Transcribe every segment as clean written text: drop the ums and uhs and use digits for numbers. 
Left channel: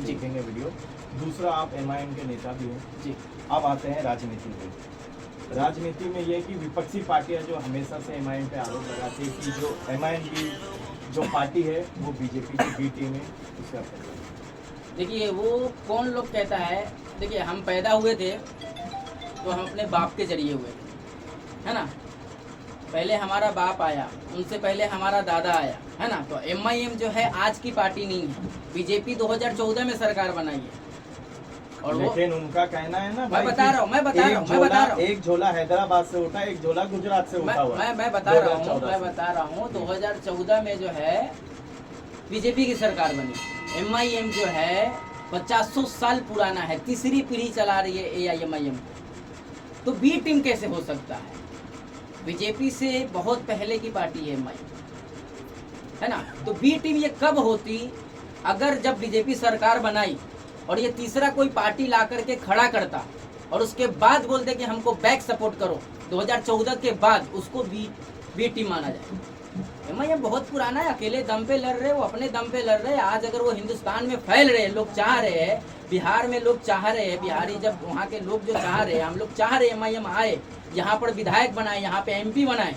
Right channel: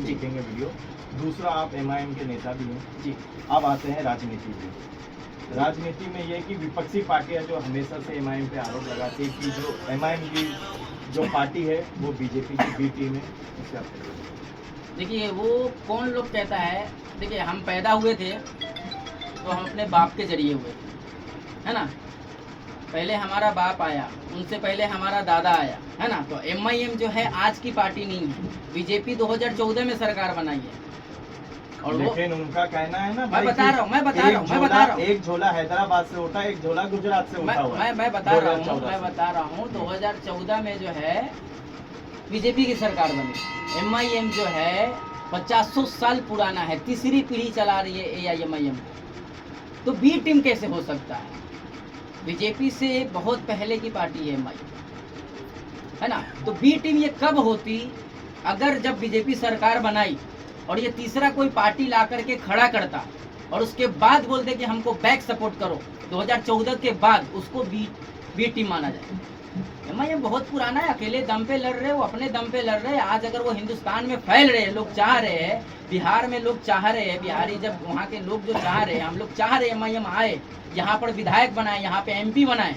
देखेंगे वीडियो। दूसरा, आप एमआईएम के नेता भी हैं जी। अब आते हैं राजनीति में। राजनीति में ये है कि विपक्षी पार्टियां जो हमेशा से एमआईएम पे आरोप लगाती है कि जो एमआईएम की जो पार्टी है वो बीजेपी की बी टीम है, इससे आप क्या कहेंगे? देखिए वो कौन लोग कहता है, देखिए हम पैदा हुए थे तो हम अपने बाप के जरिए हुए थे, है ना। पहले हमारा बाप आया, उनसे पहले हमारा दादा आया, है ना। तो एमआईएम जो है आज की पार्टी नहीं है, बीजेपी 2014 में सरकार बनाई है। और लेकिन उनका कहना है ना, मैं बता रहा हूँ, एक झोला हैदराबाद से उठा, एक झोला गुजरात से उठा हुआ है। मैं बता रहा हूँ 2014 में जो है बीजेपी की सरकार बनी। एमआईएम जो है 50 साल पुराना है, तीसरी पीढ़ी चला रही है एआईएमआईएम को। तो बी टीम कैसे हो सकता है? बीजेपी से बहुत पहले की पार्टी है एमआईएम, है ना। तो बी टीम ये कब होती? अगर जब बीजेपी सरकार बनाई और ये तीसरा कोई पार्टी ला करके खड़ा करता और उसके बाद बोलते कि हमको बैक सपोर्ट करो 2014 के बाद, उसको बी टीम माना जाए। एमआईएम बहुत पुराना है, अकेले दम पे लड़ रहे, वो अपने दम पे लड़ रहे हैं। आज अगर वो हिंदुस्तान में फैल रहे हैं, लोग चाह रहे हैं, बिहार में लोग चाह रहे हैं, बिहारी जब वहाँ के लोग जो चाह रहे हैं, हम लोग चाह रहे हैं एमआईएम आए, यहाँ पर विधायक बनाए, यहाँ पे एमपी बनाए,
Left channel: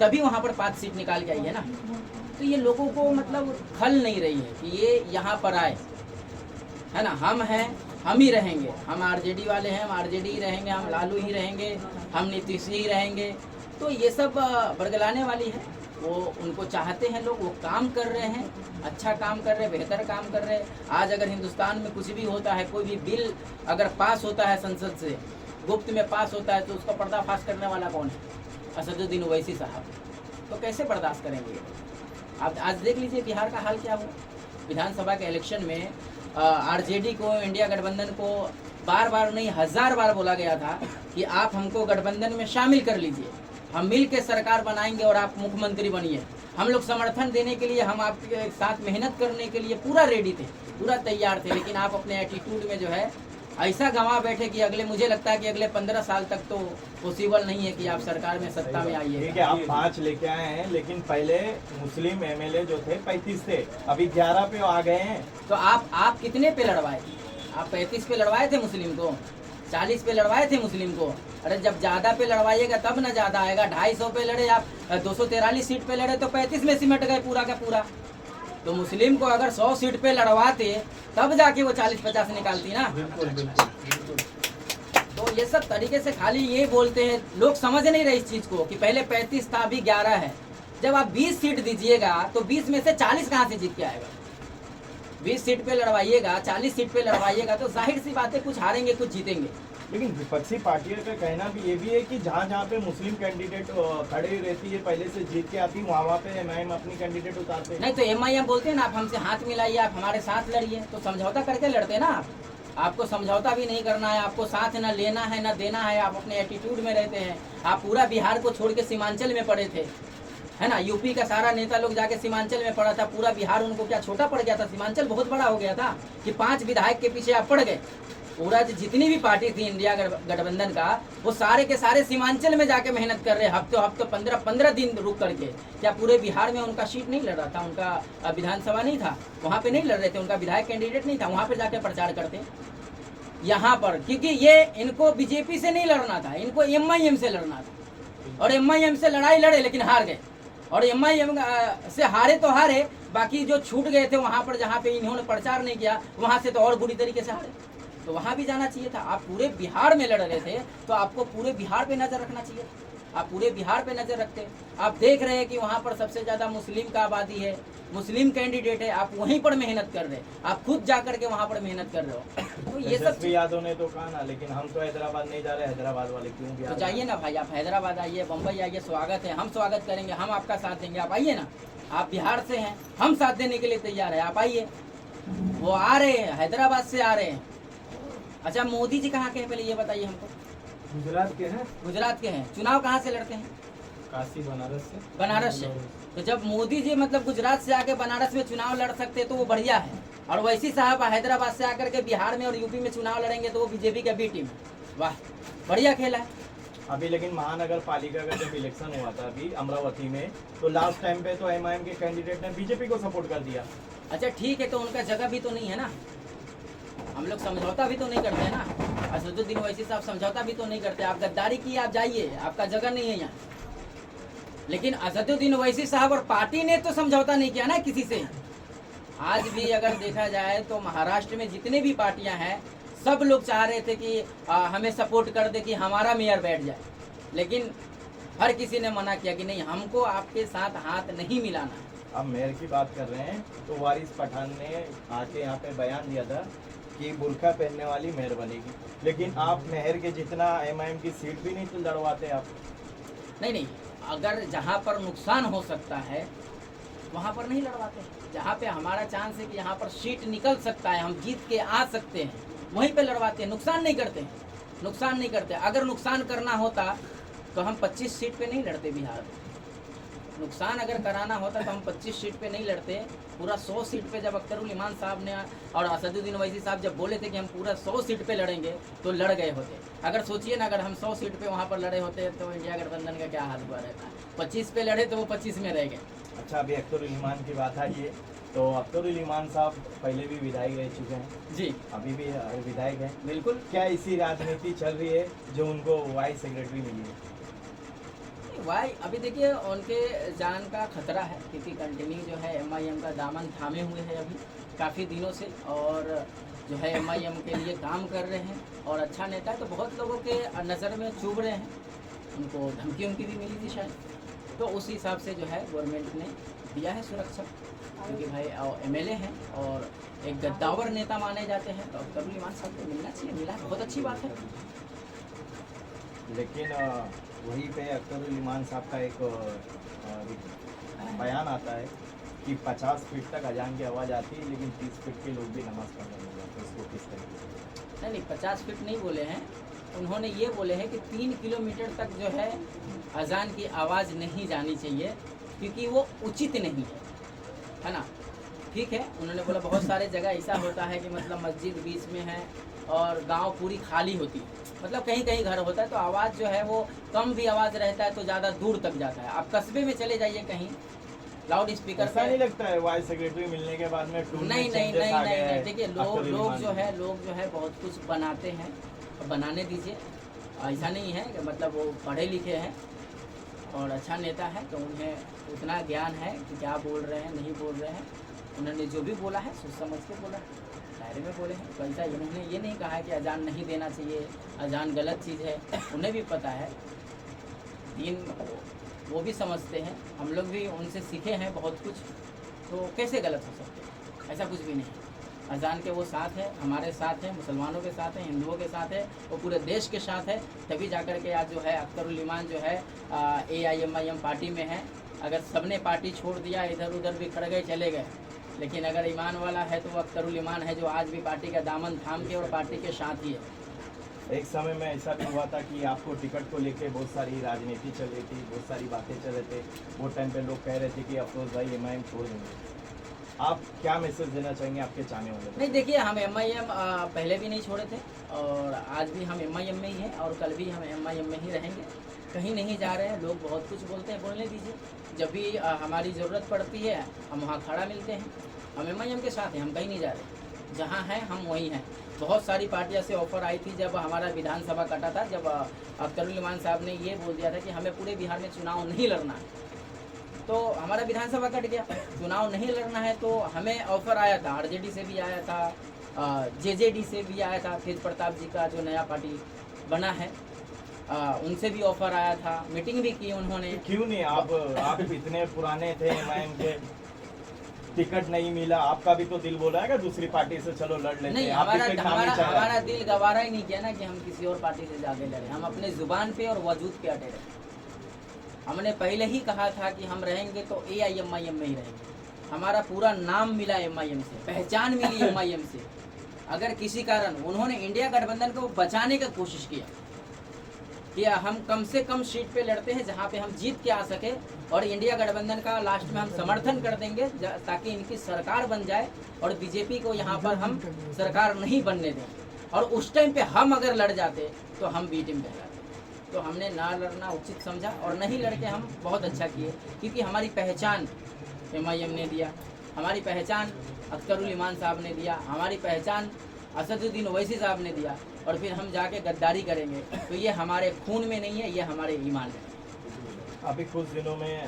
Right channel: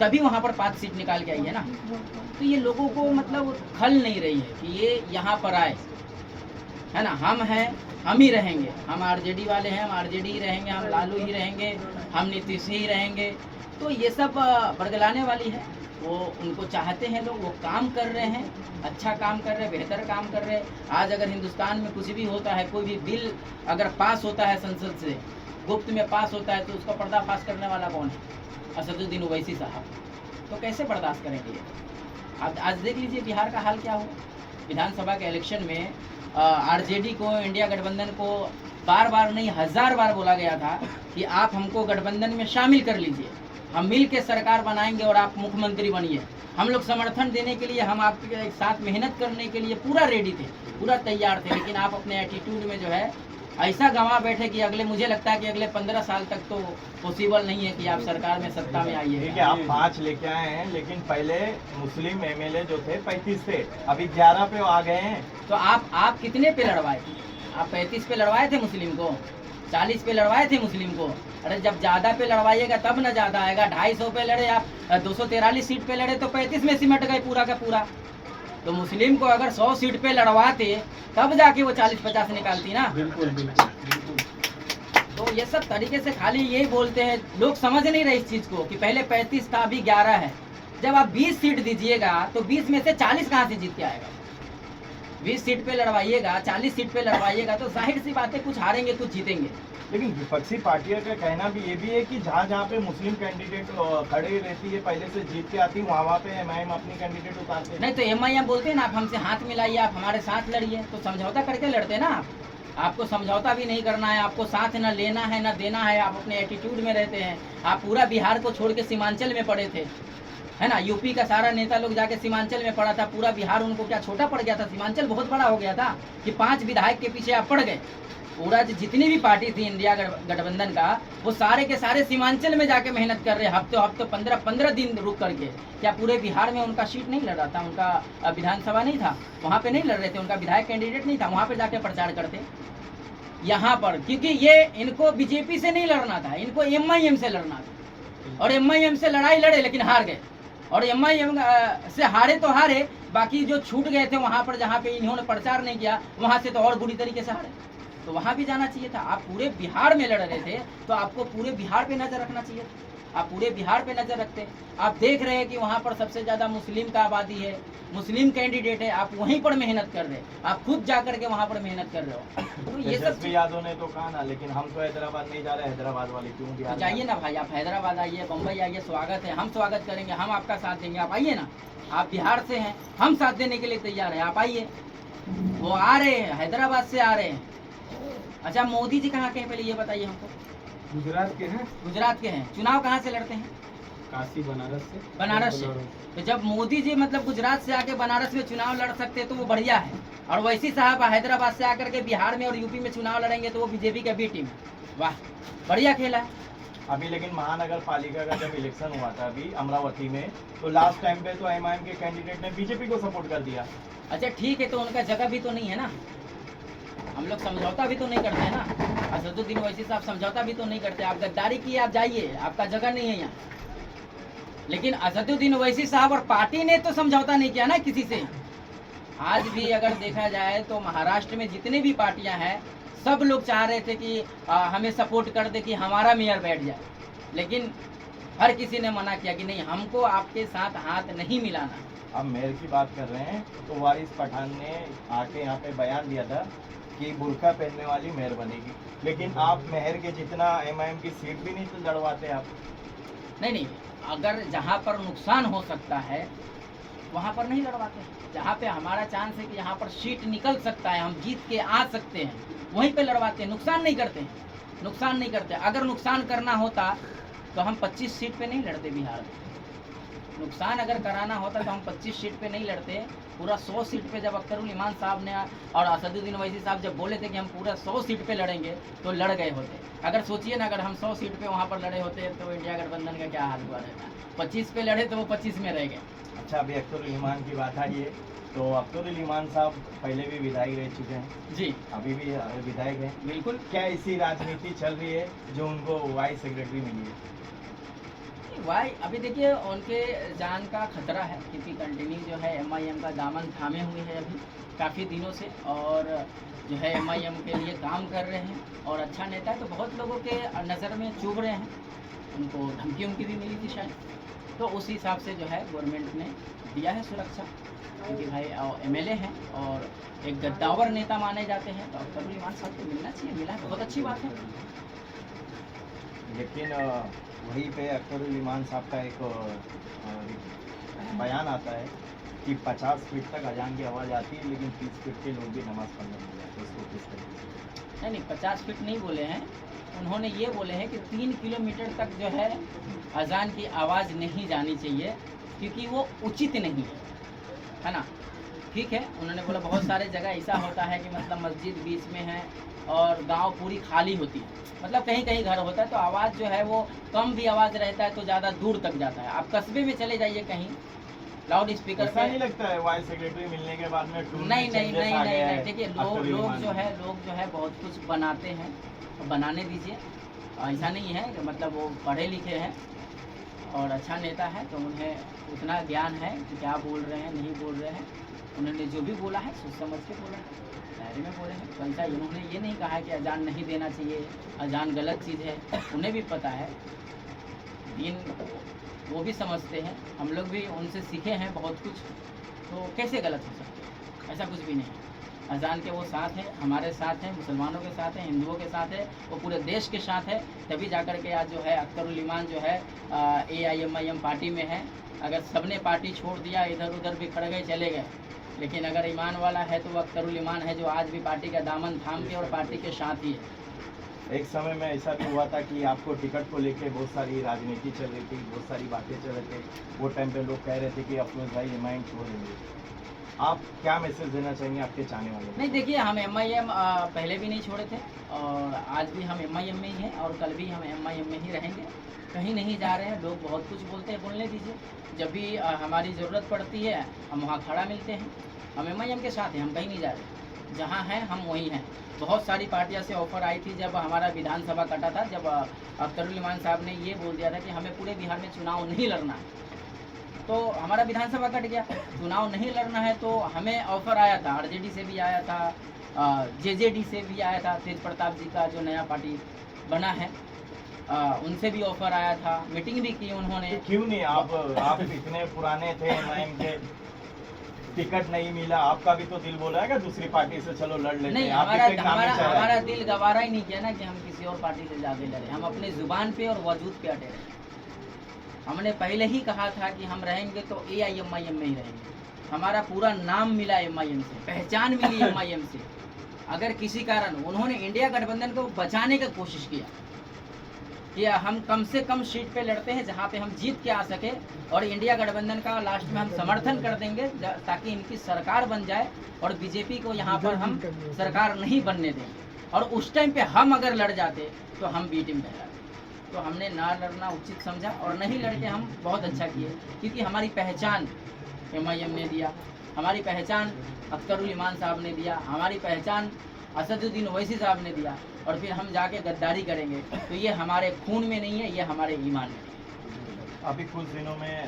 तभी वहाँ पर 5 सीट निकाल के आई है ना। तो ये लोगों को मतलब खल नहीं रही है कि ये यहाँ पर आए, है ना। हम हैं, हम ही रहेंगे, हम आरजेडी वाले हैं, हम आरजेडी ही रहेंगे, हम लालू ही रहेंगे, हम नीतीश ही रहेंगे। तो ये सब बरगलाने वाली है। वो उनको चाहते हैं लोग, वो काम कर रहे हैं, अच्छा काम कर रहे हैं, बेहतर काम कर रहे हैं। आज अगर हिंदुस्तान में कुछ भी होता है, कोई भी बिल अगर पास होता है संसद से, गुप्त में पास होता है, तो उसका पर्दाफाश करने वाला कौन है? असदुद्दीन ओवैसी साहब। तो कैसे बर्दाश्त करेंगे ये? आप आज देख लीजिए बिहार का हाल क्या हुआ। विधानसभा के इलेक्शन में आरजेडी को, इंडिया गठबंधन को बार बार नहीं 1000 बार बोला गया था कि आप हमको गठबंधन में शामिल कर लीजिए, हम मिल के सरकार बनाएंगे और आप मुख्यमंत्री बनिए। हम लोग समर्थन देने के लिए, हम आपके साथ मेहनत करने के लिए पूरा रेडी थे, पूरा तैयार थे। लेकिन आप अपने एटीट्यूड में जो है ऐसा गंवा बैठे कि अगले, मुझे लगता है कि अगले 15 साल तक तो पॉसिबल नहीं है कि आप सरकार में सत्ता में आइए। ठीक है, आप 5 लेके आए हैं, लेकिन पहले मुस्लिम एमएलए जो थे 35 थे, अभी 11 पे आ गए हैं। तो आप कितने पे लड़वाए? आप 35 पे लड़वाए थे मुस्लिम को, 40 पे लड़वाए थे मुस्लिम को। अरे जब ज्यादा पे लड़वाइएगा तब ना ज्यादा आएगा। 250 पे लड़े आप, 243 सीट पे लड़े तो 35 में सिमट गए पूरा का पूरा। तो मुस्लिम को अगर 100 सीट पे लड़वाते तब जाके वो 40-50 निकालती ना। बिल्कुल बिल्कुल। तो ये सब तरीके से खाली ये बोलते हैं, लोग समझ नहीं रहे इस चीज को कि पहले 35 था, अभी 11 है। जब आप 20 सीट दीजिएगा तो 20 में से 40 कहाँ से जीत के आएगा? 20 सीट पे लड़वाइएगा, 40 सीट पे लड़वाइएगा तो जाहिर सी बात है कुछ हारेंगे कुछ जीतेंगे। लेकिन विपक्षी पार्टियों का कहना भी ये भी है कि जहाँ जहाँ पे मुस्लिम कैंडिडेट खड़े रहती है, पहले से जीत के आती है, वहाँ पे एमआईएम अपनी कैंडिडेट उतारते हैं। नहीं तो एमआईएम बोलते हैं ना, आप हमसे हाथ मिलाइए, आप हमारे साथ लड़िए। तो समझौता करके लड़ते हैं ना आप। आपको समझौता भी नहीं करना है, आपको साथ न लेना है न देना है, आप अपने एटीट्यूड में रहते हैं। आप पूरा बिहार को छोड़ के सीमांचल में पड़े थे, है ना। यूपी का सारा नेता लोग जाके सीमांचल में पड़ा था, पूरा बिहार उनको क्या छोटा पड़ गया था? सीमांचल बहुत बड़ा हो गया था कि 5 विधायक के पीछे आप पड़ गए। पूरा जितनी भी पार्टी थी इंडिया गठबंधन का, वो सारे के सारे सीमांचल में जाके मेहनत कर रहे हैं, हफ्तों 15 दिन रुक करके। क्या पूरे बिहार में उनका सीट नहीं लड़ रहा था? उनका विधानसभा नहीं था, वहाँ पे नहीं लड़ रहे थे, उनका विधायक कैंडिडेट नहीं था, वहाँ पे जाके प्रचार करते यहाँ पर। क्योंकि ये इनको बीजेपी से नहीं लड़ना था, इनको एमआईएम से लड़ना था। और एमआईएम से लड़ाई लड़े लेकिन हार गए। और एमआईएम से हारे तो हारे, बाकी जो छूट गए थे वहाँ पर जहाँ पे इन्होंने प्रचार नहीं किया, वहाँ से तो और बुरी तरीके से हारे। तो वहाँ भी जाना चाहिए था। आप पूरे बिहार में लड़ रहे थे तो आपको पूरे बिहार पे नजर रखना चाहिए था। आप पूरे बिहार पे नजर रखते। आप देख रहे हैं कि वहाँ पर सबसे ज्यादा मुस्लिम का आबादी है, मुस्लिम कैंडिडेट है, आप वहीं पर मेहनत कर रहे हैं, आप खुद जा करके वहाँ पर मेहनत कर रहे हो। तो ये सब यादव ने तो कहा ना, लेकिन हम तो हैदराबाद नहीं जा रहे, हैदराबाद वाले क्यों बिहार? तो जाइए ना भाई, आप हैदराबाद आइए, बम्बई आइए, स्वागत है, हम स्वागत करेंगे, हम आपका साथ देंगे। आप आइए ना, आप बिहार से हैं, हम साथ देने के लिए तैयार है, आप आइए। वो आ रहे हैं, हैदराबाद से आ रहे हैं। अच्छा, मोदी जी कहाँ के हैं पहले ये बताइए हमको? गुजरात के हैं। गुजरात के हैं। चुनाव कहाँ से लड़ते हैं? काशी, बनारस से। बनारस से। तो जब मोदी जी मतलब गुजरात से आके बनारस में चुनाव लड़ सकते हैं तो वो बढ़िया है। और वैसी साहब हैदराबाद से आकर के बिहार में और यूपी में चुनाव लड़ेंगे तो वो बीजेपी का बी टीम है। वाह, बढ़िया खेला है। अभी लेकिन महानगर पालिका का जब इलेक्शन हुआ था अभी अमरावती में, तो लास्ट टाइम पे तो एमआईएम के कैंडिडेट ने बीजेपी को सपोर्ट कर दिया। अच्छा ठीक है, तो उनका जगह भी तो नहीं है ना, हम लोग समझौता भी तो नहीं करते हैं ना। असदुद्दीन ओवैसी साहब समझौता भी तो नहीं करते। आप गद्दारी किए, आप जाइए, आपका जगह नहीं है यहाँ। लेकिन असदुद्दीन ओवैसी साहब और पार्टी ने तो समझौता नहीं किया ना किसी से। आज भी अगर देखा जाए तो महाराष्ट्र में जितने भी पार्टियां हैं, सब लोग चाह रहे थे कि हमें सपोर्ट कर दे कि हमारा मेयर बैठ जाए, लेकिन हर किसी ने मना किया कि नहीं, हमको आपके साथ हाथ नहीं मिलाना। अब मेयर की बात कर रहे हैं तो वारिस पठान ने आके यहाँ पे बयान दिया था कि बुर्का पहनने वाली मेयर बनेगी, लेकिन आप मेयर के जितना एमआईएम की सीट भी नहीं तो लड़वाते आप। नहीं, अगर जहाँ पर नुकसान हो सकता है वहाँ पर नहीं लड़वाते। जहाँ पे हमारा चांस है कि यहाँ पर सीट निकल सकता है, हम जीत के आ सकते हैं, वहीं पे लड़वाते हैं। नुकसान नहीं करते हैं, नुकसान नहीं करते। अगर नुकसान करना होता तो हम 25 सीट पे नहीं लड़ते बिहार में। नुकसान अगर कराना होता तो हम 25 सीट पे नहीं लड़ते, पूरा 100 सीट पे। जब अख्तरुल इमान साहब ने और असदुद्दीन ओवैसी साहब जब बोले थे कि हम पूरा 100 सीट पे लड़ेंगे तो लड़ गए होते। अगर सोचिए ना, अगर हम 100 सीट पे वहाँ पर लड़े होते तो इंडिया गठबंधन का क्या हाल हुआ रहता। 25 पे लड़े तो वो 25 में रह गए। अच्छा, अभी अख्तरुल इमान की बात आई है तो अख्तरुल इमान साहब पहले भी विधायक रह चुके हैं जी, अभी भी विधायक हैं। बिल्कुल। क्या इसी राजनीति चल रही है जो उनको वाइस सेक्रेटरी मिली है? वाई अभी देखिए उनके जान का खतरा है, क्योंकि कंटिन्यू जो है एमआईएम का दामन थामे हुए हैं अभी काफ़ी दिनों से, और जो है एमआईएम के लिए काम कर रहे हैं। और अच्छा नेता है तो बहुत लोगों के नज़र में चुभ रहे हैं। उनको धमकी उनकी भी मिली थी शायद, तो उस हिसाब से जो है गवर्नमेंट ने दिया है सुरक्षा, क्योंकि भाई एमएलए हैं और एक गद्दावर नेता माने जाते हैं, तो अख्तरुल इमान साहब को मिलना चाहिए। मिला है, बहुत अच्छी बात है। लेकिन वहीं पे अख्तरुल इमान साहब का एक बयान आता है कि 50 फीट तक अजान की आवाज़ आती है, लेकिन 30 फीट के लोग भी नमाज़ पढ़ने नहीं जाते। इसको किस तरीके? नहीं, 50 फीट नहीं बोले हैं उन्होंने, ये बोले हैं कि 3 किलोमीटर तक जो है अजान की आवाज़ नहीं जानी चाहिए, क्योंकि वो उचित नहीं है ना। ठीक है, उन्होंने बोला बहुत सारे जगह ऐसा होता है कि मतलब मस्जिद बीच में है और गांव पूरी खाली होती है, मतलब कहीं कहीं घर होता है तो आवाज़ जो है वो कम भी आवाज़ रहता है तो ज़्यादा दूर तक जाता है। आप कस्बे में चले जाइए कहीं, लाउड स्पीकर ऐसा नहीं लगता है वाइस सेक्रेटरी मिलने के बाद में टून में नहीं, changes आ गया है? देखिए लोग जो है बहुत कुछ बनाते हैं, और बनाने दीजिए। ऐसा नहीं है कि मतलब वो पढ़े लिखे हैं और अच्छा नेता है तो उन्हें उतना ज्ञान है कि क्या बोल रहे हैं नहीं बोल रहे हैं। उन्होंने जो भी बोला है सोच समझ के बोला है, दायरे में बोले हैं। बल्कि उन्होंने ये नहीं कहा है कि अजान नहीं देना चाहिए, अजान गलत चीज़ है। उन्हें भी पता है, दीन वो भी समझते हैं, हम लोग भी उनसे सीखे हैं बहुत कुछ, तो कैसे गलत हो सकते हैं? ऐसा कुछ भी नहीं। अजान के वो साथ हैं, हमारे साथ हैं, मुसलमानों के साथ हैं, हिंदुओं के साथ है, वो पूरे देश के साथ है। तभी जाकर के आज जो है अख्तरुल इमान जो है AIMIM पार्टी में है। अगर सबने पार्टी छोड़ दिया, इधर उधर बिखर गए, चले गए, लेकिन अगर ईमान वाला है तो वो अख्तरुल इमान है, जो आज भी पार्टी का दामन थाम के और पार्टी के साथ ही है। एक समय में ऐसा भी हुआ था कि आपको टिकट को लेके बहुत सारी राजनीति चल रही थी, बहुत सारी बातें चल रहे थे। वो टाइम पे लोग कह रहे थे कि अफरोज भाई एमआईएम छोड़ देंगे। आप क्या मैसेज देना चाहेंगे आपके चाहने वालों को? नहीं, देखिए हम एमआईएम पहले भी नहीं छोड़े थे और आज भी हम एमआईएम में ही हैं और कल भी हम एमआईएम में ही रहेंगे। कहीं नहीं जा रहे हैं। लोग बहुत कुछ बोलते हैं, बोलने दीजिए। जब भी हमारी ज़रूरत पड़ती है हम वहाँ खड़ा मिलते हैं। हम एमआईएम के साथ हैं, हम कहीं नहीं जा रहे। जहाँ हैं हम वहीं हैं। बहुत सारी पार्टियों से ऑफर आई थी जब हमारा विधानसभा कटा था, जब अख्तरुल इमान साहब ने ये बोल दिया था कि हमें पूरे बिहार में चुनाव नहीं लड़ना है, तो हमारा विधानसभा कट गया। चुनाव नहीं लड़ना है तो हमें ऑफर आया था, आरजेडी से भी आया था, जेजेडी से भी आया था, तेज प्रताप जी का जो नया पार्टी बना है उनसे भी ऑफर आया था, मीटिंग भी की उन्होंने। क्यों नहीं? आप इतने पुराने थे एमआईएम के, टिकट नहीं मिला, आपका भी तो दिल बोला है दूसरी पार्टी से चलो लड़ लेते नहीं, हैं। आप भी तो एक नामी चाह रहे हैं। हमारा दिल गवारा ही नहीं किया ना कि हम किसी और पार्टी से ज़्यादा लड़े। हम अपने जुबान पे और वजूद पे अटे रहे। हमने पहले ही कहा था कि हम रहेंगे तो AIMIM में ही रहेंगे। हमारा पूरा नाम मिला एमआईएम से, पहचान मिली एमआईएम से। अगर किसी कारण उन्होंने इंडिया गठबंधन को बचाने की कोशिश किया कि हम कम से कम सीट पे लड़ते हैं जहां पे हम जीत के आ सके, और इंडिया गठबंधन का लास्ट में हम समर्थन कर देंगे ताकि इनकी सरकार बन जाए और बीजेपी को यहाँ पर हम सरकार नहीं बनने दें, और उस टाइम पे हम अगर लड़ जाते तो हम बी टीम कहलाते। तो हमने ना लड़ना उचित समझा और नहीं लड़के हम बहुत अच्छा किए, क्योंकि हमारी पहचान एमआईएम ने दिया, हमारी पहचान अख्तरुल इमान साहब ने दिया, हमारी पहचान असदुद्दीन ओवैसी साहब ने दिया, और फिर हम जाके गद्दारी करेंगे, तो ये हमारे खून में नहीं है, ये हमारे ईमान में है। अभी कुछ दिनों में